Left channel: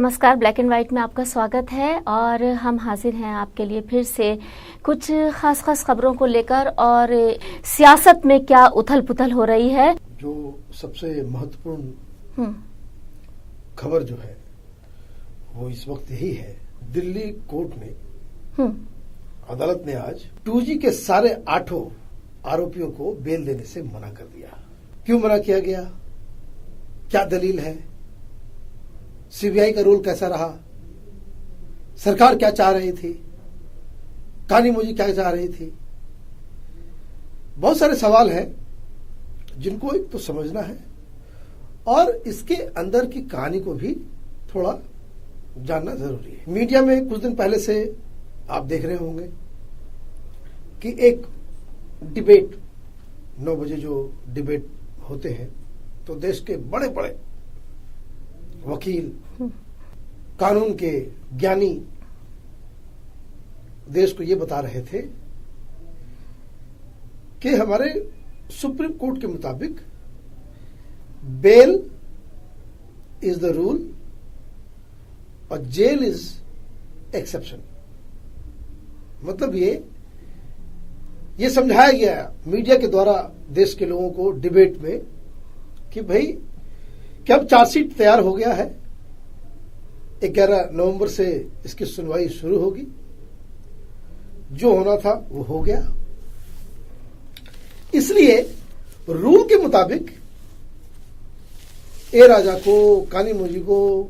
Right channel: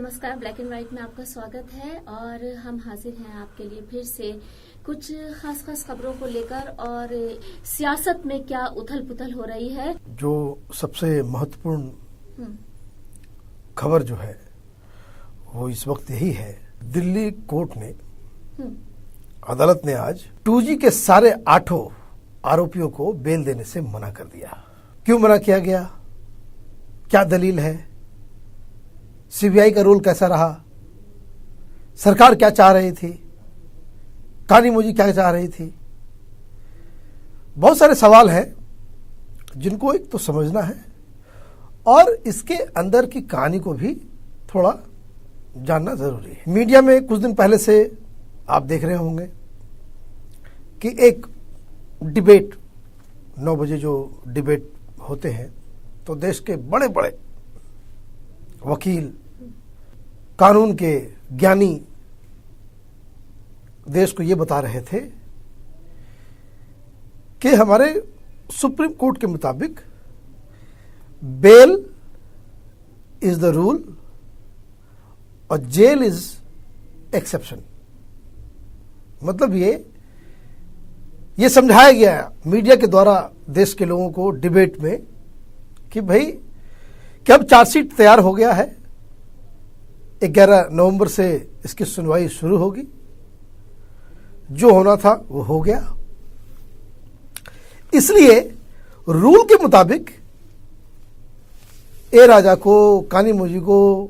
नमस्कार, black and white में आपका स्वागत है और हम हाजिर हैं आपके लिए फिर से कुछ खास खबरों को लेकर और सियासत में क्या उथल पुथल हो रही है। जो सबसे महत्वपूर्ण खबर जो है वो इस वक्त यही है, दिल्ली कोर्ट ने अदालत ने आज 2G के सारे 8 आरोपियों को बेल देने से मना कर दिया। क्यों मना किया गया, क्या दलील है, सीबीआई का रोल कैसा रहा, सरकार क्या चाह रही थी, कानीमोजी क्या चाह रही थी। बहुत सारे सवाल हैं जिनको एक तो समझना है और इसके अंदर की कहानी को भी थोड़ा जानना जरूरी है। मीडिया में कुछ दिन पहले से आप देख रहे होंगे कि एक डिबेट 9 बजे जो डिबेट होते हैं तो देश के बड़े बड़े वकील, कानून के ज्ञानी देश को ये बता रहे थे कि हमारे सुप्रीम कोर्ट के मुताबिक बेल इज द रूल और जेल इज एक्सेप्शन। मतलब ये समझाया गया मीडिया के द्वारा देश के लोगों को डिबेट में कि भाई कि अब चार्जशीट तैयार हो गया है, 11 नवंबर से इसकी सुनवाई शुरू होगी, जो होना था वो हो गया। इसलिए रूल के मुताबिक ए राजा को, कानीमोजी को,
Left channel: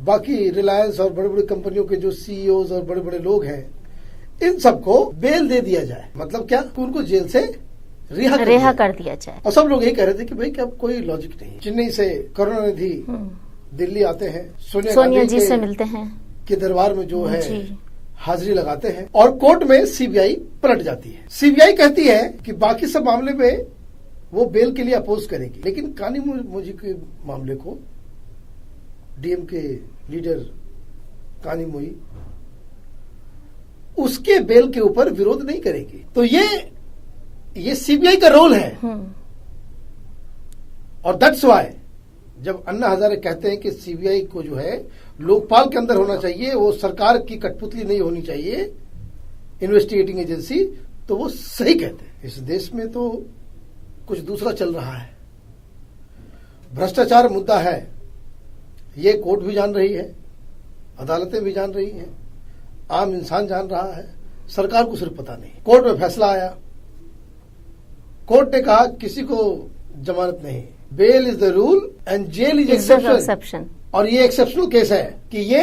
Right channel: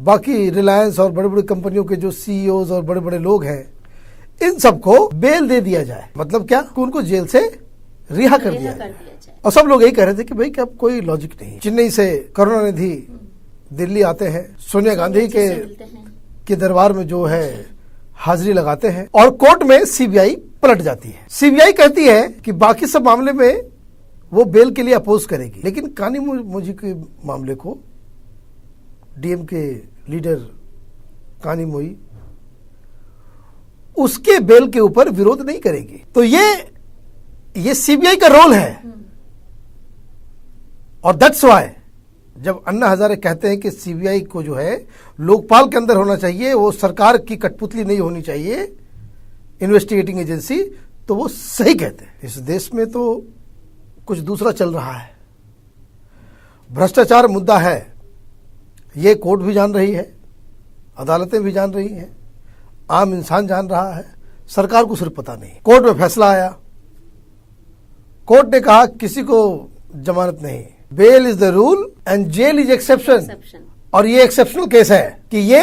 बाकी रिलायंस और बड़ी बड़ी कंपनियों के जो सीईओज और बड़े बड़े लोग हैं, इन सबको बेल दे दिया जाए। मतलब क्या, उनको जेल से रिहा कर दिया जाए। और सब लोग यही कह रहे थे कि भाई कि अब कोई लॉजिक नहीं। चेन्नई से करुणानिधि दिल्ली आते हैं, सोनिया गांधी से मिलते हैं, के दरबार में जो है हाजिरी लगाते हैं और कोर्ट में सीबीआई पलट जाती है। सीबीआई कहती है कि बाकी सब मामले में वो बेल के लिए अपोज करेगी, लेकिन कानीमोजी के मामले को डीएम के लीडर कानीमोजी उसके बेल के ऊपर विरोध नहीं करेगी। तो ये सीबीआई का रोल है। और दैट्स व्हाई जब अन्ना हजारे कहते हैं कि सीबीआई को जो है लोकपाल के अंदर होना चाहिए, वो सरकार की कठपुतली नहीं होनी चाहिए, इन्वेस्टिगेटिंग एजेंसी, तो वो सही कहते हैं। इस देश में तो कुछ दूसरा चल रहा है, भ्रष्टाचार मुद्दा है, ये कोर्ट भी जान रही है, अदालतें भी जान रही हैं, आम इंसान जान रहा है, सरकार को सिर्फ पता नहीं। कोर्ट में फैसला आया, कोर्ट ने कहा किसी को जमानत नहीं, bail is the rule and jail is exception. और ये एक्सेप्शनल केस है कि ये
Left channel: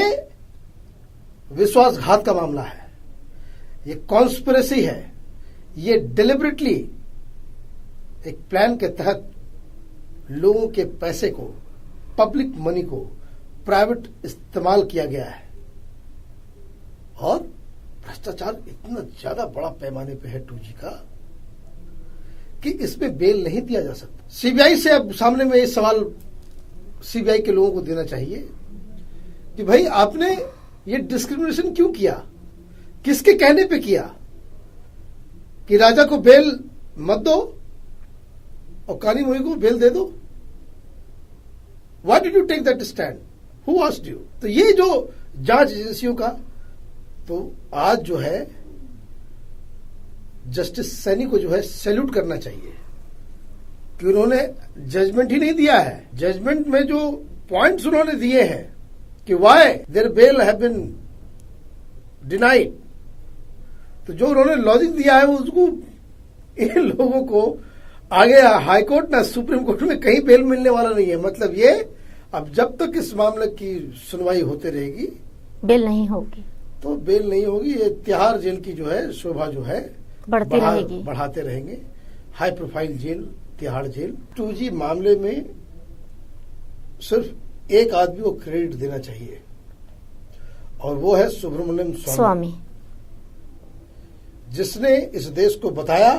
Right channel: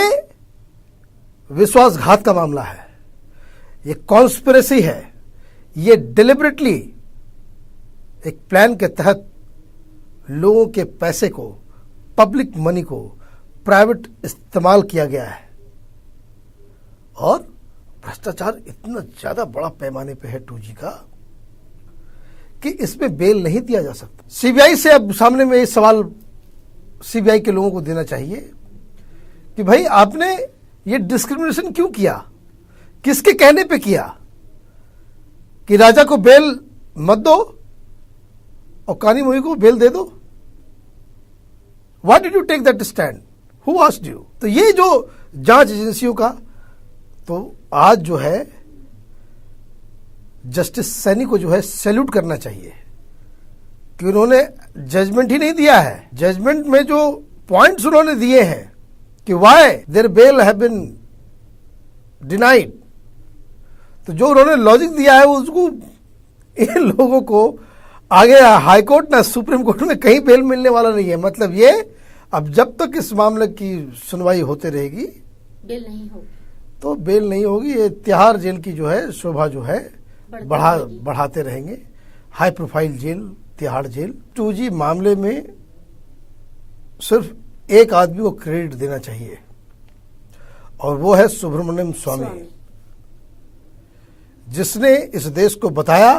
विश्वासघात का मामला है, ये कॉन्स्पिरेसी है, ये डिलिबरेटली एक प्लान के तहत लोगों के पैसे को, पब्लिक मनी को प्राइवेट इस्तेमाल किया गया है। और भ्रष्टाचार इतना ज्यादा बड़ा पैमाने पे है 2G का कि इसमें बेल नहीं दिया जा सकता। सीबीआई से अब सामने में ये सवाल सीबीआई के लोगों को देना चाहिए कि भाई आपने ये डिस्क्रिमिनेशन क्यों किया, किसके कहने पे किया कि राजा को बेल मत दो और कानीमोजी को बेल दे दो। Why did you take that stand, who asked you. तो ये जो जांच एजेंसियों का, तो आज जो है जस्टिस सैनी को जो है सैल्यूट करना चाहिए कि उन्होंने जजमेंट ही नहीं दिया है, जजमेंट में जो पॉइंट्स उन्होंने दिए हैं कि why their bail have been denied, तो जो उन्होंने लॉजिक दिया है उसको इन लोगों को आगे हाई कोर्ट ना सुप्रीम कोर्ट में कहीं बेल मिलने वाला नहीं है। मतलब ये अब जब तक इस मामले की सुनवाई होते रहेगी बेल नहीं होगी, तो बेल नहीं होगी। ये तिहाड़ जेल की जो है शोभा जो है बढ़ाते रहेंगे। High profile jail Tihar jail. 2G मामले में सिर्फ एक आदमी को क्रेडिट देना चाहिए और वो है सुब्रमण्यम स्वामी, जिसने इस देश को बताया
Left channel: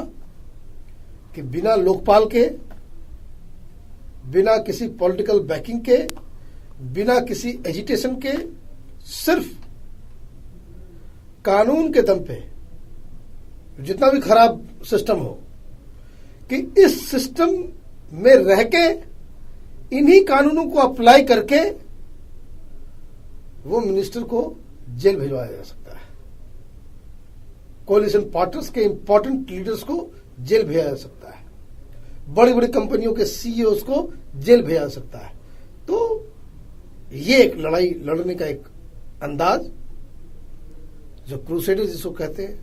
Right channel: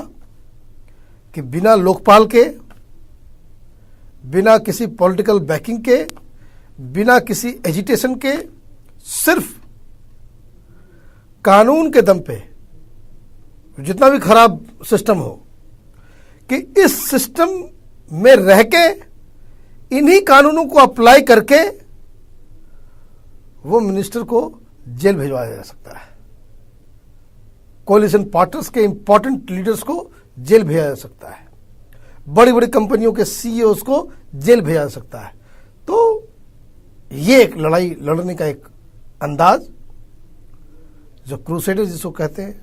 कि बिना लोकपाल के, बिना किसी पॉलिटिकल बैकिंग के, बिना किसी एजिटेशन के, सिर्फ कानून के दम पे, जितना भी खराब सिस्टम हो, कि इस सिस्टम में रह के इन्हीं कानूनों को अप्लाई करके वो मिनिस्टर को जेल भिजवाया जा सकता है, कोलिशन पार्टनर्स के इंपॉर्टेंट लीडर्स को जेल भेजा जा सकता है, बड़ी बड़ी कंपनियों के सीईओ को जेल भेजा जा सकता है। तो ये एक लड़ाई लड़ने का एक अंदाज जो क्रूसेडर जिसको कहते हैं,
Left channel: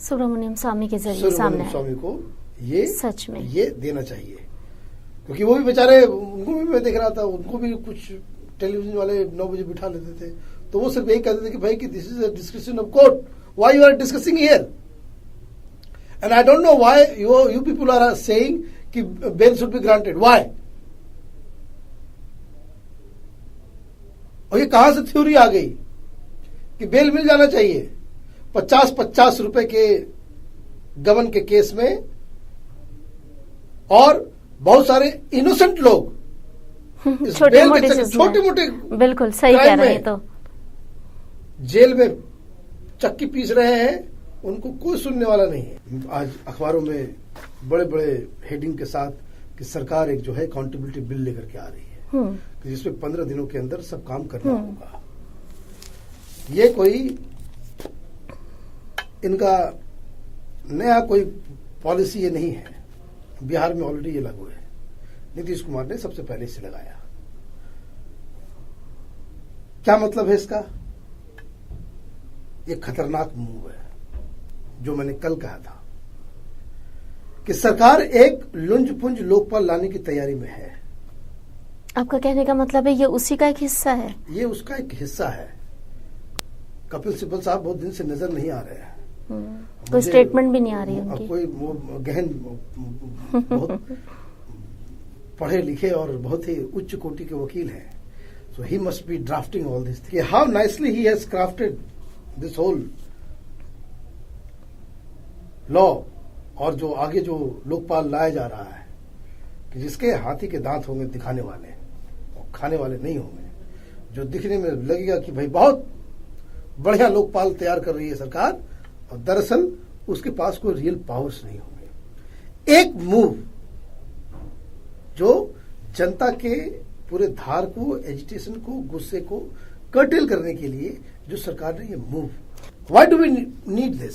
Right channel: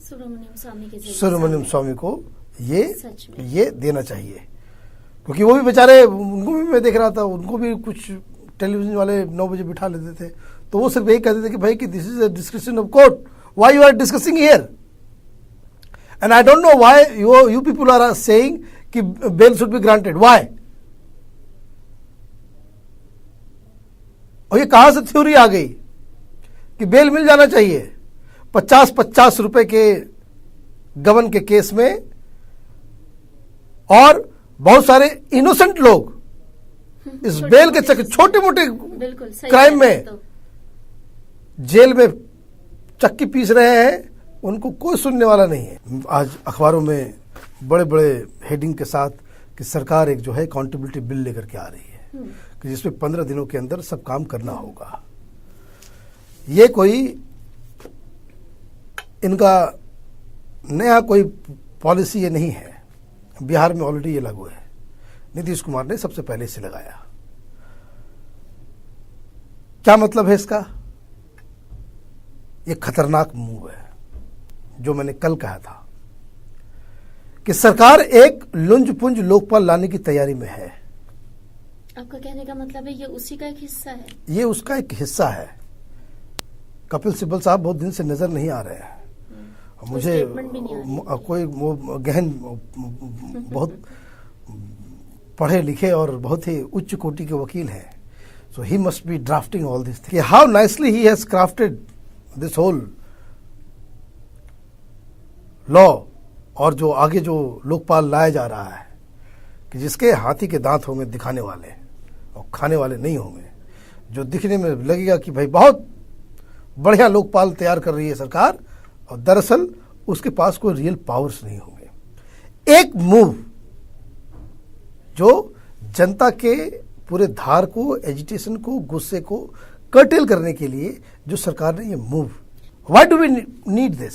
सुब्रमण्यम स्वामी के जरिए सुब्रमण्यम स्वामी को ये सच में ये देना चाहिए, क्योंकि वो भी बेचारे, उनको भी मैं देख रहा था, उनको भी कुछ टेलीविजन वाले 9 बजे बिठा लेते थे, तो वो सिर्फ यही कहते थे कि भाई कि this is a discussion of court, why you are discussing here, and I don't know why you people are saying कि bail should be granted, why. और ये कहां से थ्योरी आ गई कि बेल मिल जाना चाहिए 50-50 रुपए के गबन के केस में, और बहुत सारे इनोसेंट लोग इस बेल के चक्कर, छोटे मोटे बिल्कुल सही क्राइम में तो जेल में चक्की पीस रहे हैं, उनको कोई सुनने वाला नहीं है। आज अखबारों में बड़े बड़े हेडिंग के साथ कि सरकार एक जो है अकाउंटेबिलिटी बिल लेकर के आ रही है कि जिसमें 15 दिनों के अंदर सब काम करना होगा। ये कोई इनका नया कोई पॉलिसी ये नहीं है, बिहार में ऑलरेडी ये लागू है, नीतीश कुमार ने सबसे पहले इसे लगाया। क्या मतलब है इसका? ये खतरनाक मूव है, जो मैंने कल कहा था कि सरकार एक लुंज पुंज लोकपाल लाने की तैयारी में है। आपका कहने का मतलब है ये उसी का एक हिस्सा है? ये उसका एक हिस्सा है। कपिल सिब्बल साहब बहुत दिन से नजर नहीं आ रहे हैं, कोई स्टेटमेंट भी नहीं आ रही है उनकी। कोई वो गहन बहुत पढ़े लिखे और बहुत ही उच्च कोटि के वकील हैं, so he must be drafting all this thing. How nicely he has crafted this whole law, और जो आगे जो लोकपाल लाया जा रहा है कि जिसके हाथी के दांत होंगे दिखाने वाले और खाने वाले नहीं होंगे, जो दिखने में लगेगा कि भाई बहुत बढ़िया लोकपाल तैयार कर रही है सरकार, और दरअसल उसके पास कोई रियल पावर्स नहीं होंगे। एक मूव जो जनता के पूरे धार को, एजिटेशन को, गुस्से को कर्टेल करने के लिए जो सरकार ने ये move, why do we need this?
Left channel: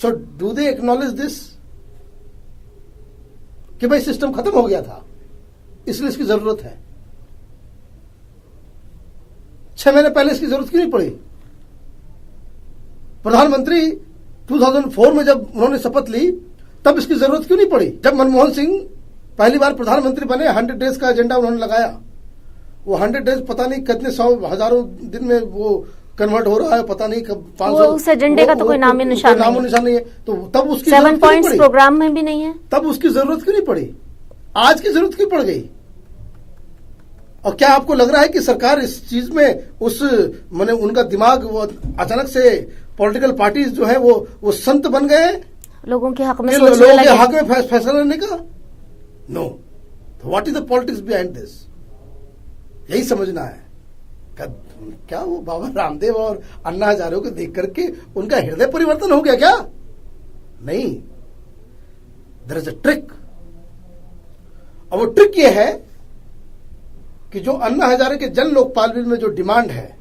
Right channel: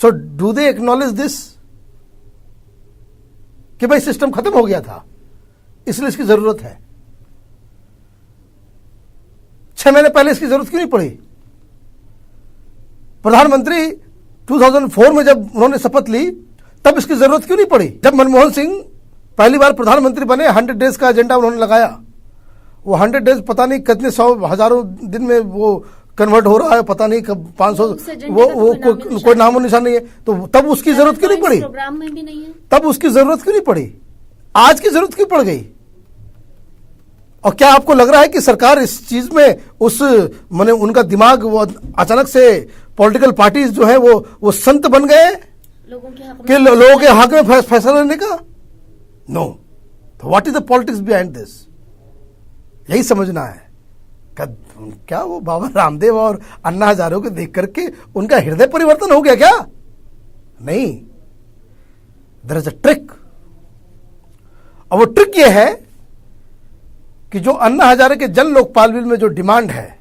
So do they acknowledge this कि भाई सिस्टम खत्म हो गया था, इसलिए इसकी जरूरत है। 6 महीने पहले इसकी जरूरत क्यों नहीं पड़ी? प्रधानमंत्री 2004 में जब उन्होंने शपथ ली तब इसकी जरूरत क्यों नहीं पड़ी? जब मनमोहन सिंह पहली बार प्रधानमंत्री बने, 100 डेज का एजेंडा उन्होंने लगाया, वो 100 डेज पता नहीं कितने 100 हजारों दिन में वो कन्वर्ट हो रहा है, पता नहीं कब 500, उस एजेंडे का तो कोई नामो निशान नहीं है। तो तब उसकी जरूरत क्यों नहीं पड़ी? प्रोग्राम में भी नहीं है, तब उसकी जरूरत क्यों नहीं पड़ी? आज की जरूरत क्यों पड़ गई? और क्या आपको लग रहा है कि सरकार इस चीज में उस माने उनका दिमाग वो अचानक से पॉलिटिकल पार्टीज जो है वो संत बन गए लोगों के हक में, लोगों के हक में फैसला लेने का? नो। तो what is the politics behind this? यही समझना है। क्या वो बाबा रामदेव और अन्ना हजारे को देख करके उनका हृदय परिवर्तन हो गया क्या? नहीं, देयर इज अ ट्रिक। और वो ट्रिक ये है कि जो अन्ना हजारे के जन लोकपाल बिल में जो डिमांड है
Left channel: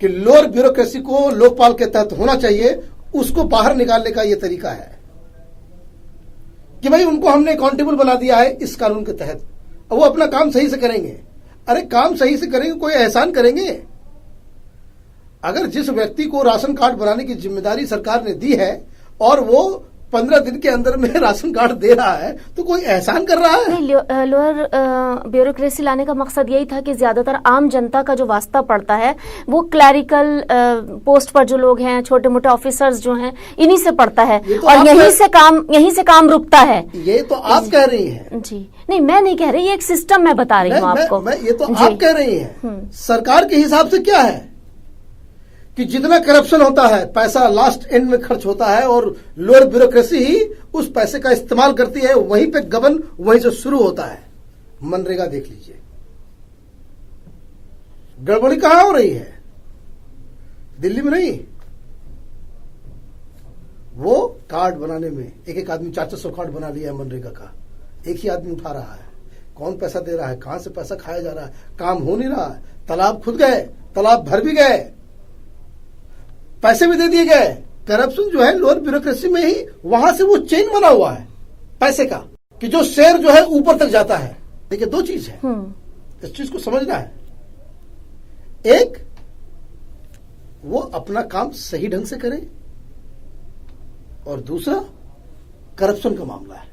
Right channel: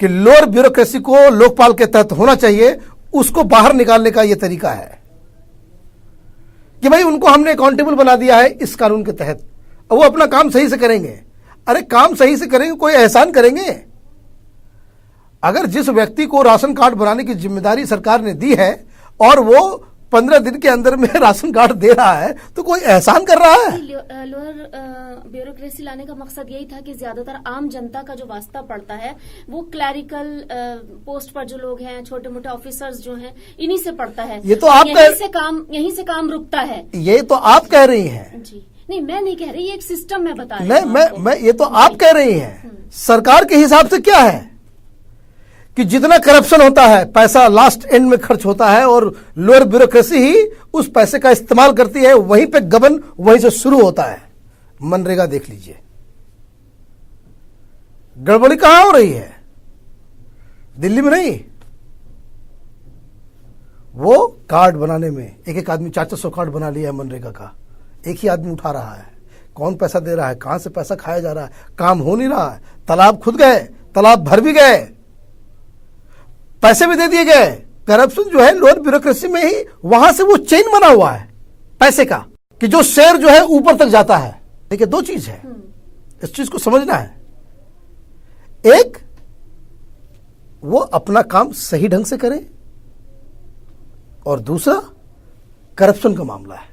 कि लोअर ब्यूरोक्रेसी को लोकपाल के तहत होना चाहिए, उसको बाहर निकालने का यह तरीका है कि भाई उनको हमने अकाउंटेबल बना दिया है इस कानून के तहत, और वो अपना काम सही से करेंगे। अरे काम सही से करेंगे, कोई एहसान करेंगे? अगर जिस व्यक्ति को राशन कार्ड बनाने की जिम्मेदारी सरकार ने दी है और वो 15 दिन के अंदर में राशन कार्ड दे रहा है, तो कोई एहसान कर रहा है? लोअर ब्यूरोक्रेसी लाने का मकसद यही था कि ज्यादातर आम जनता का जो वास्ता पड़ता है वो क्लैरिकल पोस्ट पर जो लोग हैं, छोटे मोटे ऑफिसर्स जो हैं, इन्हीं से पड़ता है, तो और यहीं से काम रुकता है। ये तो आप कह रही हैं। जी नहीं, मैं नहीं कह रही, ये एक सिस्टम मैं बता रही हूँ आपको। ये तो आप कह रही हैं। सरकार के हिसाब से क्या है कि जितना करप्शन होता है, पैसा लास्ट एंड में खर्च होता है और लोअर ब्यूरोक्रेसी ही उस पैसे का इस्तेमाल करती है, वहीं पे गबन वहीं से शुरू होता है। मनरेगा देख लीजिए, गड़बड़ी कहां हो रही है? दिल्ली में नहीं, वो कार्ड बनाने में एक एक आदमी 400 कार्ड बना लिया है मनरेगा का, एक ही आदमी उठा रहा है। कौन पैसा दे रहा है, कहां से पैसा खाया जा रहा है, काम हो नहीं रहा है, तालाब खुद गए, तालाब भर भी गए, पैसे भी दे दिए गए। करप्शन जो है लोअर ब्यूरोक्रेसी में ही, वहां से वो चेन बना हुआ है पैसे का, कि जो शेयर जो है ऊपर तक जाता है। देखिए, दो चीज है, इस चीज को समझना है। एक, वो अपना काम सही ढंग से करे, और दूसरा करप्शन का मामला है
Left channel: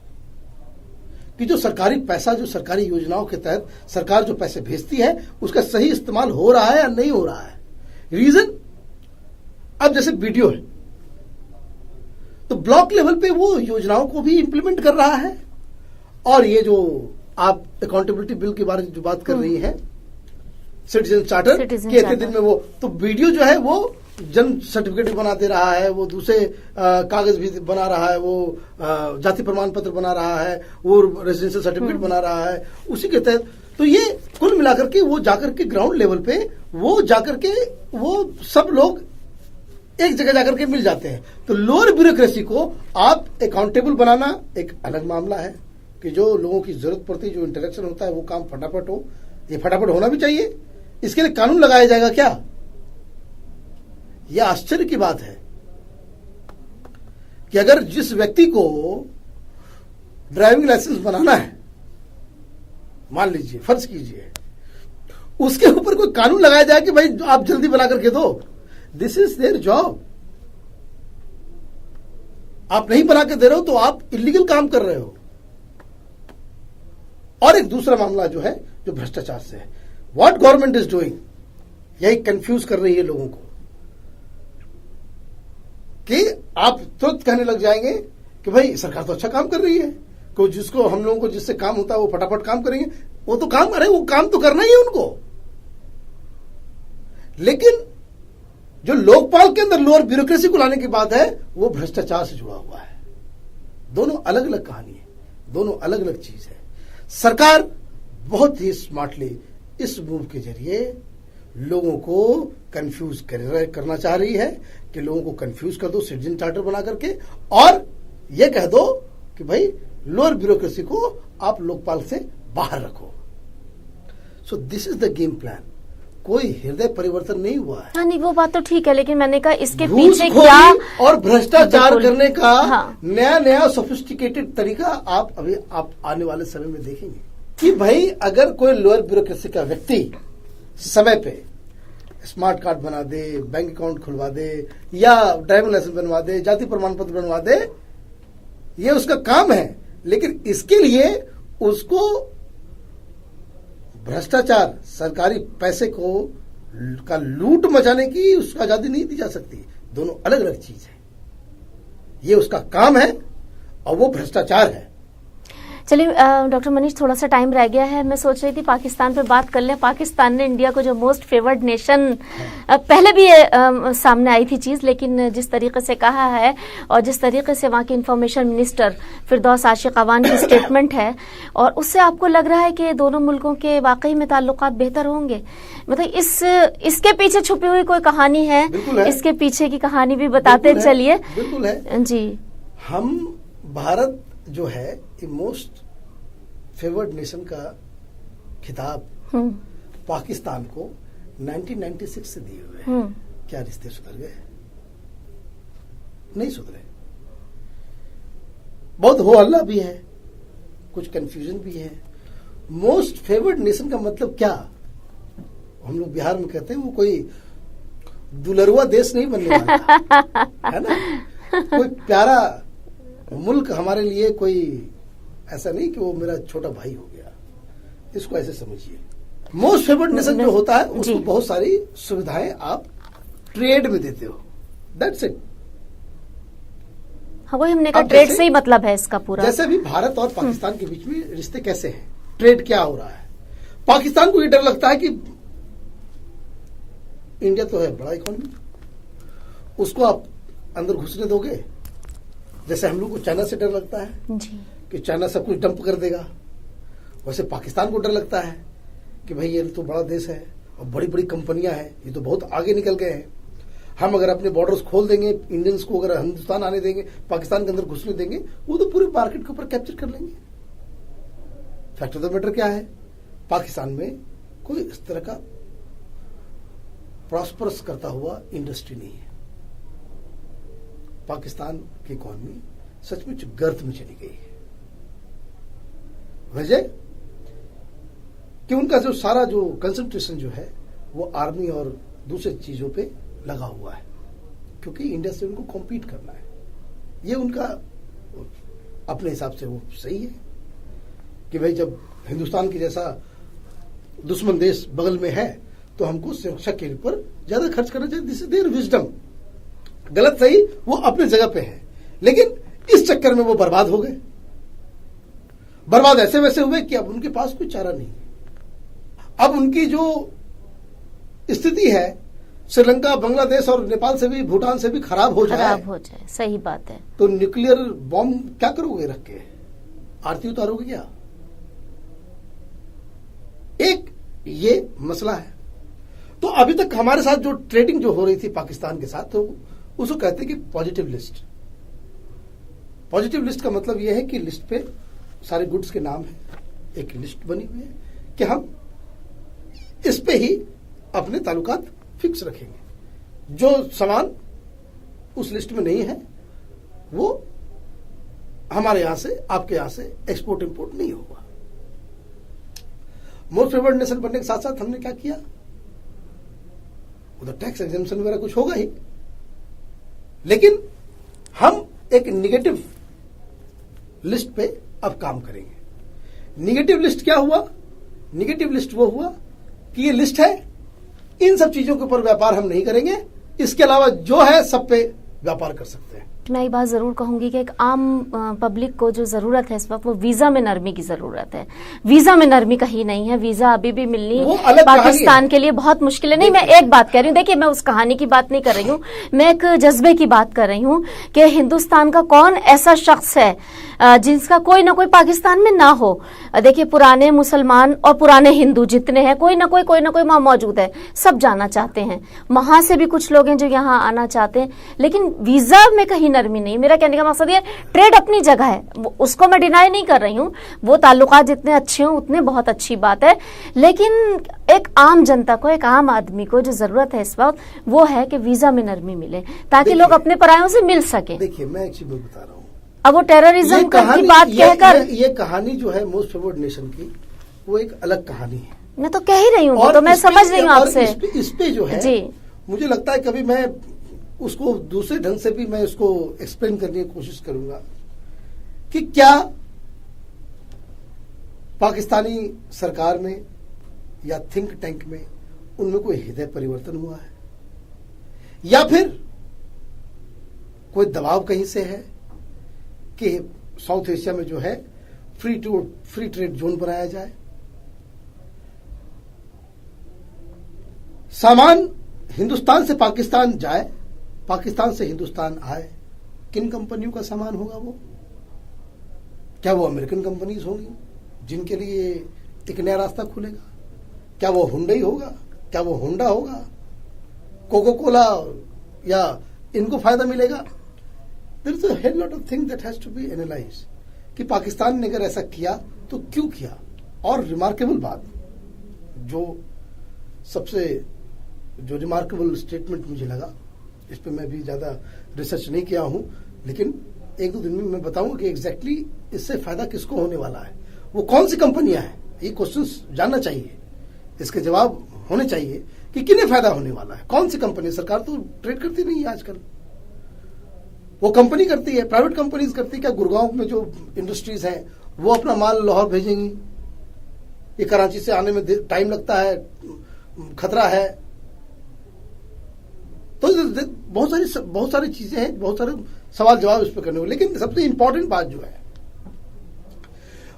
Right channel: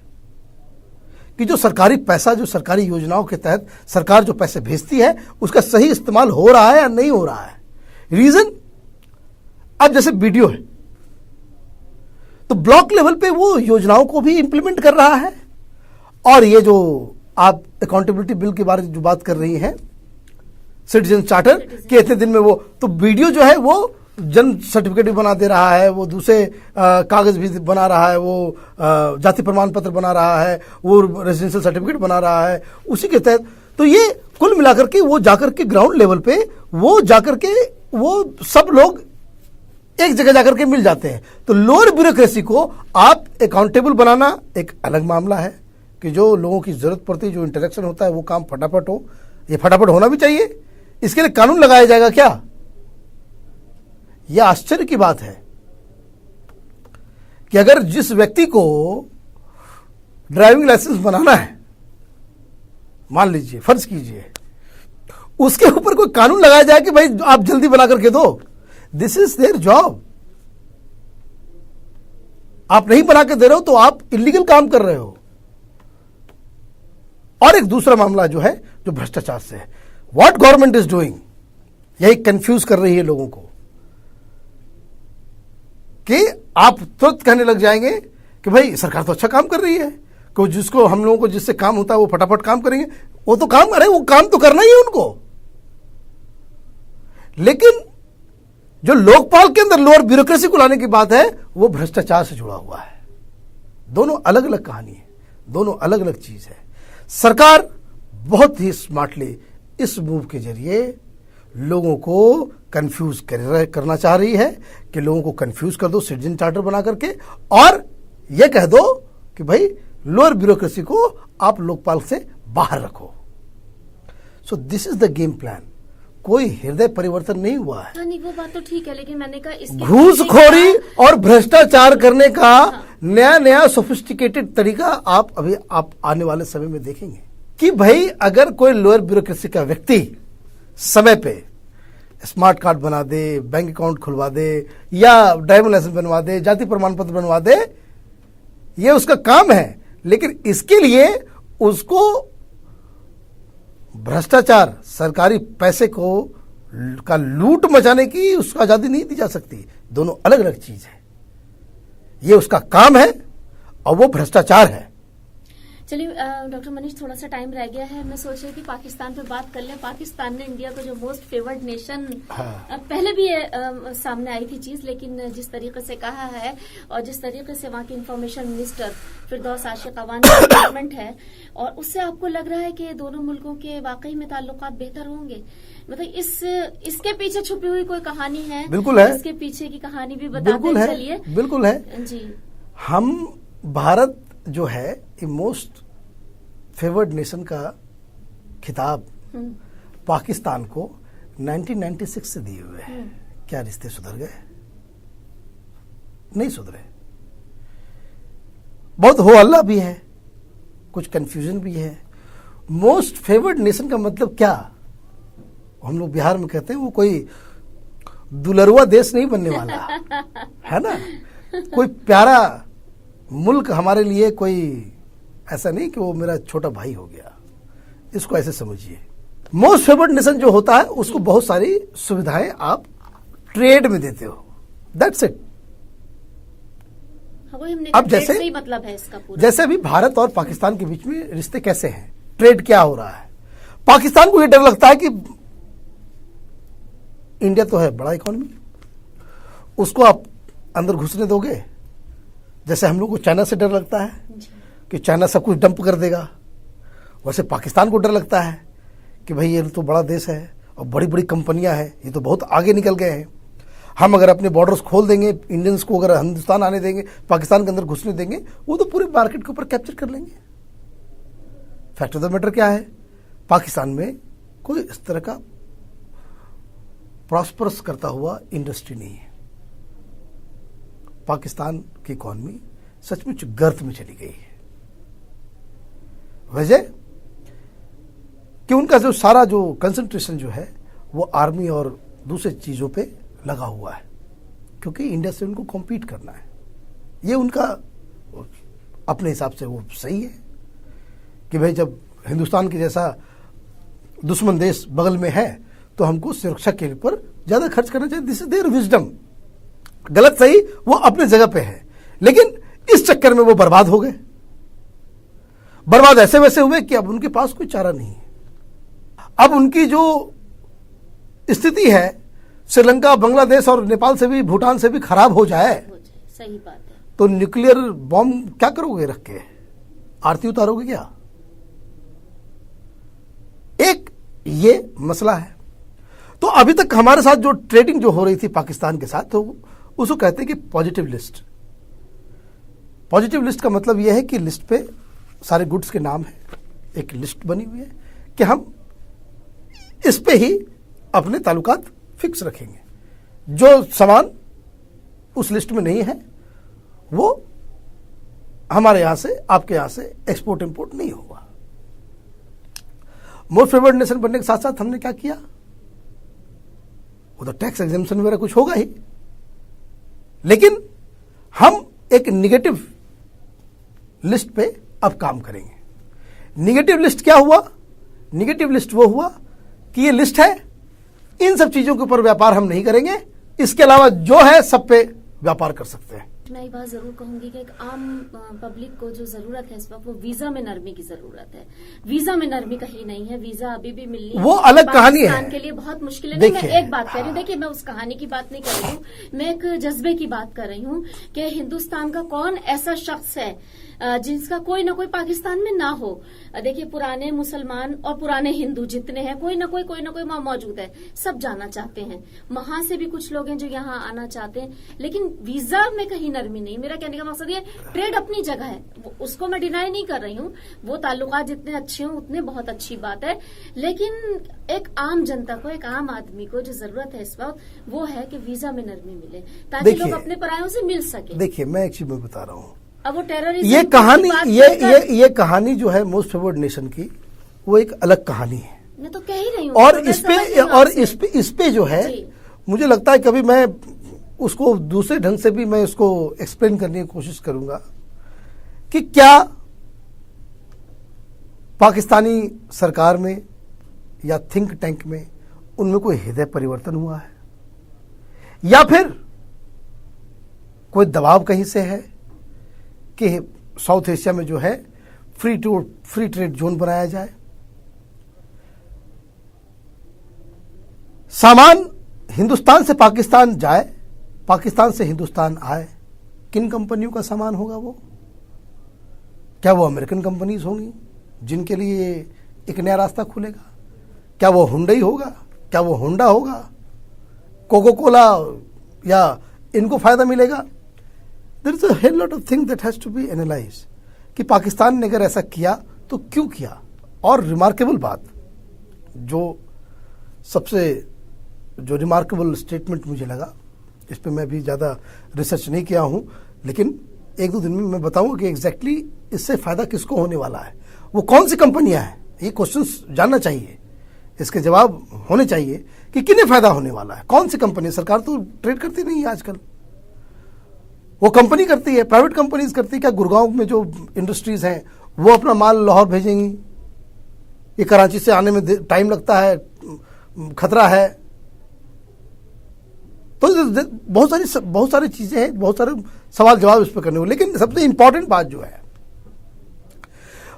कि जो सरकारी पैसा, जो सरकारी योजनाओं के तहत सरकार जो पैसे भेजती है, उसका सही इस्तेमाल हो रहा है या नहीं हो रहा है। रीजन, अब जैसे वीडियो है तो ब्लॉक लेवल पे वो योजनाओं को भी इंप्लीमेंट कर रहा है, और ये जो आप अकाउंटेबिलिटी बिल के बारे में जो बात कर रही हैं, सिटीजन चार्टर के इतने दिन में वो, तो वीडियो जो है वो जन्म सर्टिफिकेट भी बना दे रहा है, वो दूसरे कागज भी बना रहा है, वो जाति प्रमाण पत्र बना रहा है, वो रेजिडेंशियल सर्टिफिकेट बना रहा है उसी के तहत। तो ये कुल मिलाकर के वो जाकर के ग्राउंड लेवल पे वो जाकर के वो सब लोग एक जगह जाकर के मिल जाते हैं। तो लोअर ब्यूरोक्रेसी को आप अकाउंटेबल बनाना एक अलग मामला है, कि जो लोगों की जरूरत पड़ती है, जो इंटरेक्शन होता है, वो काम फटाफट हो। ये फटाफट होना भी चाहिए, इसके लिए कानून लगाया जाएगा क्या? यह आश्चर्य की बात है कि अगर जिस व्यक्ति को ड्राइविंग लाइसेंस बनाना है, मान लीजिए, फर्ज कीजिए, उसके ऊपर कोई कानून लगाया जाए कि भाई आप जल्दी बना करके दो। This is their job. आप नहीं बना के दे रहे हो तो आप इलीगल काम कर रहे हो। और एक दूसरा मामला जो है, जो भ्रष्टाचार से है, व्हाट गवर्नमेंट इज डूइंग, यही कंफ्यूज कर रही है लोगों को, कि आप तुरंत कहने लग जाएंगे कि भाई सरकार तो अच्छा काम कर रही है, कि जिसको हम लोगों को जिससे काम होता है वो फटाफट काम करेंगे। वो तो काम करे, वो काम तो करना ही है उनको। लेकिन जो लोकपाल के अंदर लोअर ब्यूरोक्रेसी को लाने की बात है, वो भ्रष्टाचार से जुड़ा हुआ है। दोनों अलग अलग कहानी है, दोनों अलग अलग चीज है। सरकार बहुत ही स्मार्टली इस मूव के जरिए लोगों को कंफ्यूज करना चाह रही है, कि लोगों को कंफ्यूज कर दो सिटीजन चार्टर बना करके, और यह कह दो कि भाई लोअर ब्यूरोक्रेसी को आप लोकपाल से बाहर रखो। So this is the game plan. कोई हृदय परिवर्तन नहीं हुआ है। हाँ, नहीं, वो बात तो ठीक है, लेकिन मैंने कहा इसके घूसखोरी और भ्रष्टाचार करने का नया नया सोफिस्टिकेटेड तरीका आप आने वाले समय में देखेंगे, कि भाई अगर कोई लोअर ब्यूरोक्रेसी का व्यक्ति समय पे स्मार्ट कार्ड बना दे, बैंक अकाउंट खुलवा दे, या ड्राइविंग लाइसेंस बनवा दे, जाति प्रमाण पत्र बनवा दे, ये उसका काम है। लेकिन इसके लिए उसको भ्रष्टाचार, सरकारी पैसे को का लूट मचाने की उसको आजादी नहीं दी जा सकती। दोनों अलग अलग चीज है। ये उसका काम है और वो भ्रष्टाचार है। चलिए डॉक्टर मनीष, थोड़ा सा टाइम रह गया है। मैं सोच रही थी पाकिस्तान पे बात कर लें। पाकिस्तान ने इंडिया को जो मोस्ट फेवर्ड नेशन, पहले भी सामने आई थी चीज, लेकिन जिस तरीके से कहा है और जिस तरीके से वहाँ के इंफॉर्मेशन मिनिस्टर फिरदौस आशिक अवान की स्टेटमेंट है, और उससे आपको लग रहा है कि दोनों मुल्कों के वाकई में ताल्लुकात बेहतर होंगे? मतलब इसके पीछे छुपी हुई कोई कहानी है? बिल्कुल है। इसके पीछे की कहानी भी बताते चलिए। बिल्कुल है जी। हम भारत जो है मोस्ट फेवर्ड नेशन का खिताब पाकिस्तान को 1996 से दिए हुए हैं। क्या रिश्ते सुधर गए? नहीं सुधरे। बहुत हो हल्ला भी है, कुछ कंफ्यूजन भी है। मोस्ट फेवर्ड नेशन का मतलब क्या? हम लोग बिहार में कहते हैं वो कोई दुलरुआ देश नहीं बनने वाला है ना। कोई प्यारा मुल्क हमारे लिए कोई ऐसा नहीं कि वो मेरा छोटा भाई हो गया। इसको ऐसे समझिए। मोस्ट फेवर्ड नेशन जो होता है उसको बहुत सारी सुविधाएं आप ट्रेड में देते हो। That's it. हाँ, वही हमने कहा, ट्रेड से ही मतलब है इसका पूरा। जैसे अभी भारत और पाकिस्तान के बीच में रिश्ते कैसे हैं, ट्रेड क्या हो रहा है। पाकिस्तान को ये डर लगता है कि इंडिया तो है बड़ा इकोनॉमी, उसको आप अंदर घुसने दोगे। जैसे हम लोग को चाइना से डर लगता है कि चाइना सब कुछ डंप कर देगा, वैसे पाकिस्तान को डर लगता है कि भाई ये तो बड़ा देश है और बड़ी बड़ी कंपनियां हैं, ये तो बहुत आगे निकल गए हैं। हम अगर अपने बॉर्डर्स खोल देंगे, इंडियंस को अगर हिंदुस्तान आने देंगे, पाकिस्तान के अंदर घुसने देंगे, वो तो पूरे मार्केट के ऊपर कैप्चर कर लेंगे। फैक्ट ऑफ द मैटर क्या है, पाकिस्तान में कोई इस तरह का प्रॉस्परस करता हुआ इंडस्ट्री नहीं है। पाकिस्तान की इकॉनमी सचमुच गर्त में चली गई है। वजह कि उनका जो सारा जो कंसंट्रेशन जो है वो आर्मी और दूसरी चीजों पे लगा हुआ है, क्योंकि इंडिया से उनको कॉम्पीट करना है। ये उनका अपने हिसाब से वो सही है कि भाई जब हिंदुस्तान के जैसा दुश्मन देश बगल में है तो हमको सुरक्षा के ऊपर ज्यादा खर्च करना चाहिए। This is there wisdom. गलत सही वो अपने जगह पे है, लेकिन इस चक्कर में वो बर्बाद हो गए। बर्बाद ऐसे वैसे हुए कि अब उनके पास कोई चारा नहीं है। अब उनकी जो स्थिति है श्रीलंका, बांग्लादेश और नेपाल से भी, भूटान से भी खराब हो जाए, सही बात है, तो न्यूक्लियर बॉम्ब क्या करोगे रख के? आरती उतारोगे क्या? एक ये मसला है। तो अभी तक हमारे साथ जो ट्रेडिंग जो हो रही थी पाकिस्तान के साथ, तो उसको कहते हैं कि पॉजिटिव लिस्ट। पॉजिटिव लिस्ट का मतलब यह है कि लिस्ट पे सारे गुड्स के नाम है, एक लिस्ट बनी हुई है कि हम इस पे ही अपने ताल्लुकात फिक्स रखेंगे। जो सामान उस लिस्ट में नहीं है वो हमारे यहां से, आपके यहां से एक्सपोर्ट इंपोर्ट नहीं होगा। मोस्ट फेवर्ड नेशन बनने के साथ साथ हमने क्या किया, वो तो टैक्स एग्जेम्पशन वगैरह कुछ होगा ही, लेकिन हम एक निगेटिव लिस्ट पे अब काम करेंगे। निगेटिव लिस्ट क्या हुआ? निगेटिव लिस्ट वो हुआ कि ये लिस्ट है, इन सब चीजों के ऊपर व्यापार हम नहीं करेंगे, इसके अलावा जो है सब पे व्यापार कर सकते हैं। मैं ये बात जरूर कहूंगी कि एक आम पब्लिक को जो जरूरत है इस वक्त, वो वीजा में नरमी की जरूरत है। वीजा में नरमी कहीं नहीं है, वीजा अभी भी मिलनी वो अलग पाकिस्तान के लिए बहुत मुश्किल है। नहीं, मैं एक बात कह रही हूँ, देखिए मैं उस कहानी की बात नहीं कर रही हूँ, मैं एक जज्बे की बात कर रही हूँ कि हिंदुस्तान का कौन ऐसा शख्स है जिसका कोई ना कोई पाकिस्तान में ना हो। देखिए पुराने मुसलमान और पुराने हिंदू जितने हैं, कोई ना कोई वहां मौजूद है, सब जाना चाहते हैं। वहां से भी कुछ लोग हैं जो यहाँ आना चाहते हैं, लेकिन वीजा में कहीं नरमी नहीं। मेरा कहने का मकसद ये, ट्रेड अपनी जगह है, उसको मैं डिनाई नहीं कर रही हूँ, वो ताल्लुकात जितने अच्छे हों उतने बहुत अच्छी बात है, लेकिन एक आम जनता को, एक आम आदमी को जो जरूरत है इस वक्त, वो है कि वीजा में नरमी मिले ताकि लोग अपने परायों से मिल सके। देखिए मैं एक चीज बता रहा हूँ, अब वो टेररिज्म ये कहानी, बात ये कहानी जो है मोस्ट फेवर्ड नेशन की, वो एक अलग कहानी है। मैं तो कह ही रही हूँ, और तो मैं समझ रही हूँ और आपसे। इस पे जो है मुझे लगता है कभी मैं उसको दूसरे ढंग से भी मैं इसको एक्सप्लेन करने की कोशिश करूंगा कि क्या पाकिस्तानी सरकार में या थिंक टैंक में उनमें कोई हृदय परिवर्तन हुआ है, या फिर कोई दबाव कहीं से है कि साउथ एशिया में जो है फ्री ट्रेड जोन बनाया जाए। सामान हिंदुस्तान से पाकिस्तान जाए, पाकिस्तान से हिंदुस्तान आए, किन कंपनियों का सामान होगा वो? क्या वो अमेरिकन कंपनीज होंगी जिनके लिए एक नया रास्ता खुलेगा? क्या वो हुंडई होगा? क्या वो होंडा होगा? कोको कोला, या इनको फायदा मिलेगा? There is a hell lot of thing that has to be analyse कि पाकिस्तान ने अगर ऐसा किया तो क्यों किया। और रिमार्केबल बात, जो सबसे जो रिमार्केबल स्टेटमेंट मुझे लगा, इस पे मैं भी ज़्यादा रिसर्च नहीं किया हूँ, लेकिन एक दो दिन में मैं बताऊंगा कि एग्जैक्टली इससे फायदा किसको होने वाला है, वो कौन सी कंपनियां हैं। ये क्वेश्चंस जानना चाहिए, इसके जवाब होने चाहिए कि किन्हें फायदा होने वाला है, कौन सी कंपनी। सरकार तो ट्रेड करती नहीं है आजकल, वो कंपनी करती है, प्राइवेट कंपनीज करती है। क्या गुड़गांव में जो इंडस्ट्रीज हैं वो अपना माल लाहौर भेजेंगी? ये कराची से आने में टाइम लगता है, खतरा है। तो बहुत सारी चीजें हैं, बहुत सारे सवाल जवाब इस पर करने हुए। लेकिन सबसे इंपॉर्टेंट बात जो है,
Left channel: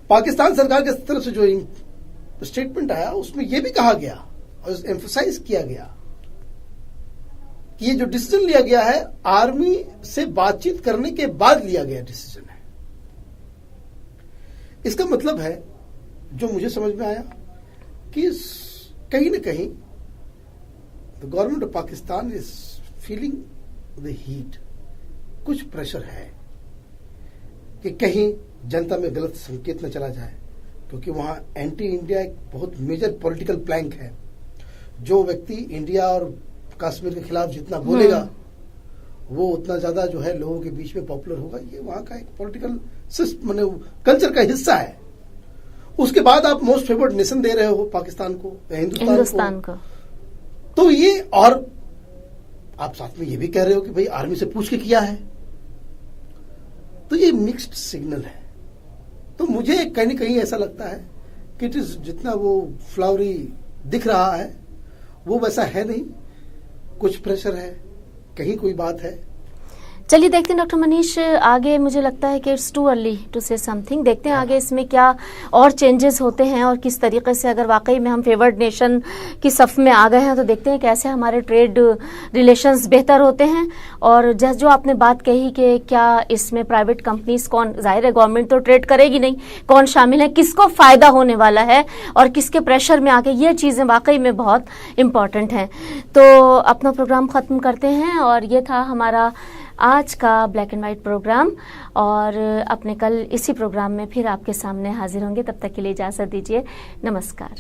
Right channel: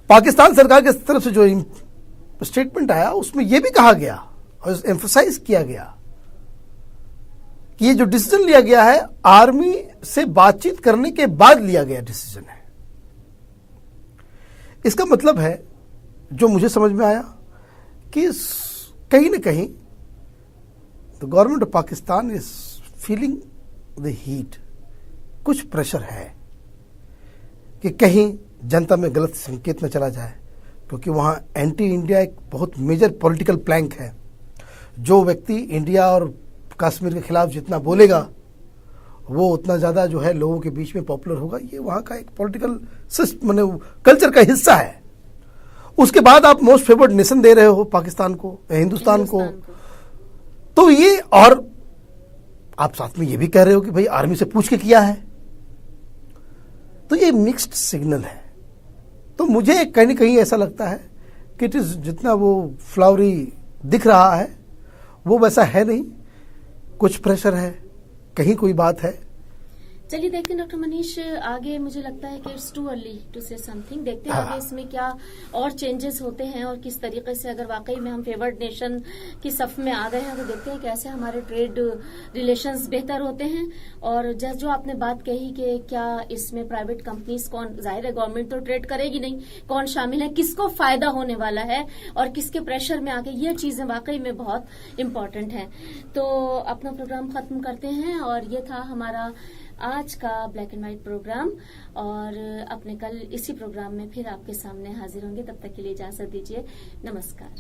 पाकिस्तान सरकार की तरफ से जो स्टेटमेंट आया उसमें यह भी कहा गया और एम्फसाइज किया गया कि ये जो डिसीजन लिया गया है आर्मी से बातचीत करने के बाद लिया गया डिसीजन है। इसका मतलब है, जो मुझे समझ में आया, कि कहीं ना कहीं the government of Pakistan is feeling the heat. कुछ प्रेशर है कि कहीं जनता में गलत संकेत न चला जाए, क्योंकि वहाँ एंटी इंडिया एक बहुत मेजर पॉलिटिकल प्लैंक है। जो व्यक्ति इंडिया और कश्मीर के खिलाफ जितना बोलेगा वो उतना ज़्यादा जो है लोगों के बीच में पॉपुलर होगा। ये वहाँ का एक पॉलिटिकल माने कल्चर का हिस्सा है। उसके बाद आप मोस्ट फेवर्ड नेशन दे रहे हो पाकिस्तान को, हिंदुस्तान को। तो ये, और आप साथ में ये भी कह रहे हो कि भाई आर्मी से पूछ के किया है, तो ये मिक्स्ड सिग्नल है। तो मुझे कहीं न कहीं ऐसा लगता है कि जितना वो फ्लावरी दिख रहा है वो वैसा है नहीं, कुछ प्रेशर है, कहीं कोई बात है। चलिए देखते हैं डॉक्टर मनीष, आगे मुझे लगता है कि it's too early to say something. देखते हैं आगे इसमें क्या और चेंजेस होते हैं और किस तरीके से, अगर वाकई में हम फेवर्ड नेशन की सफ में आ गए हैं तो देखते हैं कैसे हमारे ट्रेड रिलेशंस बेहतर होते हैं। और जो आपने बात कही कि क्या इसमें प्राइवेट कंपनीज, कौन, जाहिर है गवर्नमेंट तो ट्रेड करेगी नहीं, कौन शामिल है, किसको फायदा होने वाला है और किसके प्रेशर में आके, ये चीजें वाकई में बहुत इंपॉर्टेंट हैं। तो अपना प्रोग्राम खत्म करते हैं और ये था हमारा आज का ब्लैक एंड वाइट प्रोग्राम, और अपने कल इसी प्रोग्राम में फिर आपके सामने हाजिर होंगे। तब तक के लिए इजाजत दीजिए, नमस्कार।